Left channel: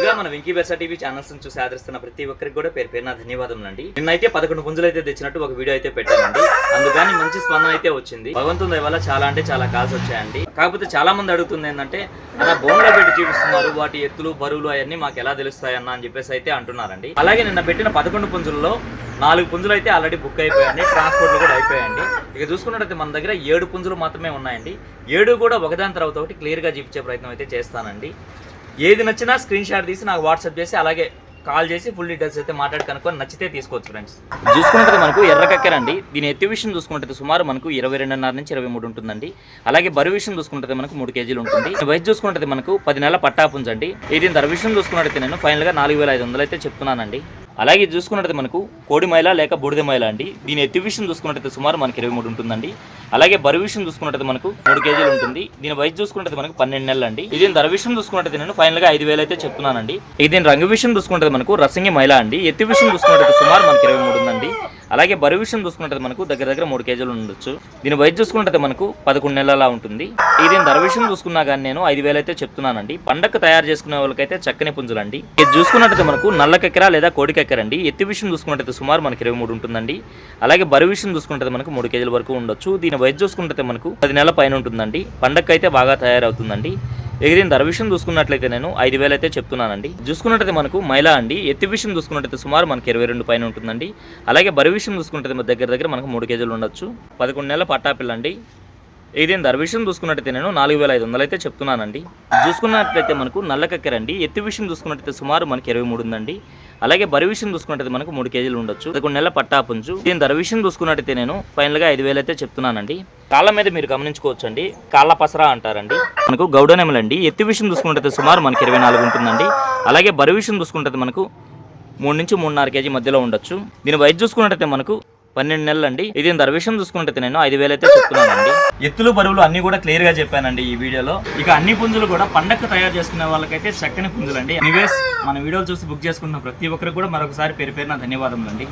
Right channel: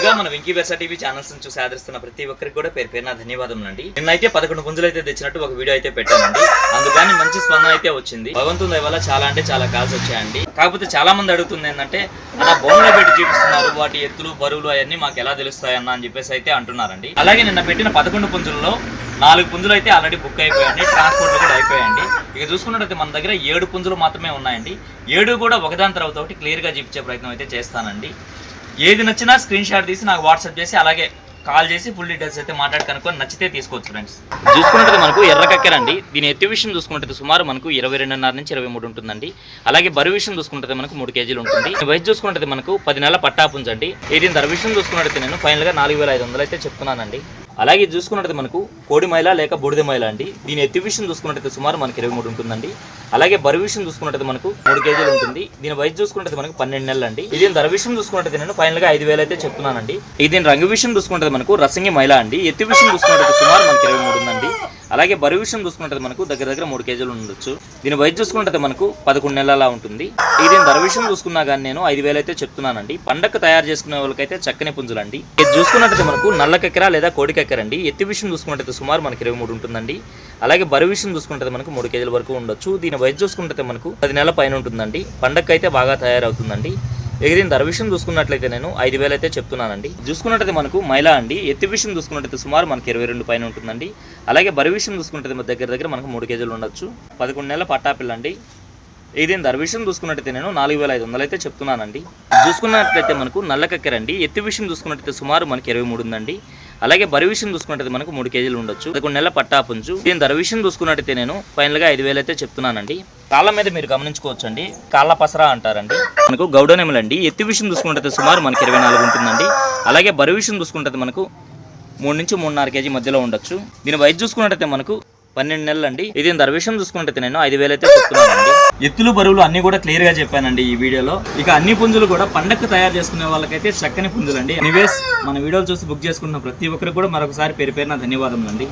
ముందుగా మన Venky బెర్సా TV channels చూసి ఆదరిస్తున్న ప్రతి ఒక్కరికి కూడా పేరు పేరున ధన్యవాదములండి. నిన్నైతే 11 పుంజులు అయితే తెచ్చినట్టు ఒక వీడియో అయితే పెట్టానండి. అందుకని మంచి స్పందన అయితే వచ్చింది. భగవంతుని దయ వల్ల చాలా అంటే చాలా కాల్స్ వచ్చాయండి. కాకపోతే చాలా మంది అడుగుతుంది ఏంటంటే అన్న బోన్లో పెట్టి చూపిస్తున్నారు, వాటి ఎత్తులు బరువులు అవన్నీ మాకు ఎలా తెలుస్తాయన్న అని చెప్పేసి అయితే అంటున్నారండి. అలాగే నిన్న పెట్టిన 11 పుంజులలో 4 పుంజులు అయితే ఆల్రెడీ బుక్ అయిపోయాయండి, ట్రాన్స్పోర్ట్లు కూడా అయిపోయాయండి. ఇక చూసుకున్నట్టయితే మన దగ్గర 7 పుంజులు మాత్రమే ఉన్నాయండి. 7 కూడా ఒకదాని తర్వాత ఒకటి క్లియర్గా చూపించే ప్రయత్నం అయితే చేస్తానండి. ఏది నచ్చినా స్క్రీన్ షాట్ తీసి నాకు వాట్సాప్ చేసి అలాగే కాల్ చేసి ఫుల్ డీటెయిల్స్ అయితే మాట్లాడి కనుక్కొని నచ్చితే తీసుకోవచ్చు ఫ్రెండ్స్. చూసుకుంటే మనకు ఎర్ర కక్కెరండి. దీని ఎత్తు విషయం చూసుకుంటే సుమారు మనకు 22.5 నుంచి 23 ఉంటుందండి. అలాగే బరువు విషయం చూసుకుంటే మనకు 3 కేజీలు ఉంటుంది. వయసు చూసుకుంటే మనకు 10 నెలల పట్టాపుంజండి. దీని ధర విషయం చూసుకున్నట్టయితే నేను ఫైనల్గా 4,500 అయితే చెప్తున్నానండి. అలాగే చూసుకున్నట్టు మనకు కోడి మైల లేక బూడిద మైల అండి. దీని ఎత్తు విషయం చూసుకున్నట్టయితే సుమారు మనకి 23 ఉంటుందండి. అలాగే బరువు విషయం చూసుకున్నట్టయితే మనకు 3 కేజీలు ఉంటుంది. దీని వయసు చూసుకుంటే మనకు 12 నెలలు అండి. దీని ధర విషయం చూసుకున్నట్టయితే నేను ఫైనల్ గా 5,000 అయితే చెప్తున్నానండి. దీని రంగు విషయం చూసుకుంటే మనకు రసంగి మైల అండి. ఎత్తు విషయం చూసుకున్నట్టయితే సుమారు మనకి 23 ఉందండి. అలాగే బరువు విషయం చూసుకుంటే మనకు దగ్గర 3 కేజీలు ఉండొచ్చు. దీని వయసు చూసుకుంటే మనకు 11 నెలల ఉంటుంది. దీని ధర విషయం చూసుకున్నా కానీ నేను 5,000 అయితే చెప్తున్నానండి. పండగ తయారు చేసుకునే వాళ్ళకైతే చక్కని పుంజులండి. ఇది చూసుకున్నట్టయితే మనకు నల్ల కెక్కర లేదా కోడి కెక్కర అండి. ఎత్తు విషయం చూసుకున్నట్టయితే సుమారు మనకి 23 ఉంటుందండి. అలాగే బరువు విషయం చూసుకుంటే మనకు 3 కేజీల వరకు ఉండొచ్చు. దీని వయసు చూసుకుంటే మనకు 10 నెలల పైన ఉంటుందండి. పండగ అయితే బాగా తయారవుతుందండి. దీని ధర విషయం చూసుకున్నట్లయితే నేను 5,000 అయితే చెప్తున్నానండి. చూసుకున్నట్టయితే మనకు మైలా అండి. ఎత్తు విషయం చూసుకున్నట్టయితే సుమారు మనకి 22 పైన ఉంటుందండి. అలాగే బరువు విషయం చూసుకుంటే దగ్గర మనకు 3 కేజీలు ఉండొచ్చు. 11 నెలల పట్టాపిల్ల అండి. దీని ధర విషయం చూసుకున్నట్టయితే నేను 4,500 అయితే చెప్తున్నానండి. చూసుకున్నట్లయితే మనకు నల్ల కక్కెరండి. ఎత్తు విషయం చూసుకున్నట్టయితే సుమారు మనకి 23 ఉందండి. అలాగే బరువు విషయం చూసుకున్నట్టయితే మనకు 3 కేజీలు ఉండొచ్చు. 11 నెలల పట్టాపుంజు. దీని ధర విషయం చూసుకున్నట్టయితే నేను ఫైనల్గా 5,000 అయితే చెప్తున్నానండి. కాళ్ళ మీద మీరు గమనించుకోవచ్చు అండి, కాళ్ళ పసరా అంటారండి. మనకు గౌడనెమలండి. ఎత్తు విషయం చూసుకున్నట్టయితే సుమారు మనకి 24 ఉంటుందండి. అలాగే బరువు విషయం చూసుకున్నట్టయితే మనకు 3 నుంచి 3.5 కేజీ మధ్యలో ఉండొచ్చు. దీని వయసు చూసుకున్నట్టయితే మనకు 12 నెలలు అండి. దీని ధర విషయం చూసుకున్నట్టయితే నేను 5,000 అయితే చెప్తున్నానండి. ఎత్తులు బరువులు అన్ని కూడా క్లియర్ గా చెప్పానండి ఈ వీడియోలో. ఇక అన్ని పుంజులు కూడా పండగ తయారు చేసుకునే వాళ్ళకైతే చక్కని పుంజులండి. ఎనీవేస్ మన వీడియోలు చూసి బుక్ చేసుకున్న ప్రతి ఒక్కరికి కూడా మరొకసారి పేరు పేరున ధన్యవాదములండి.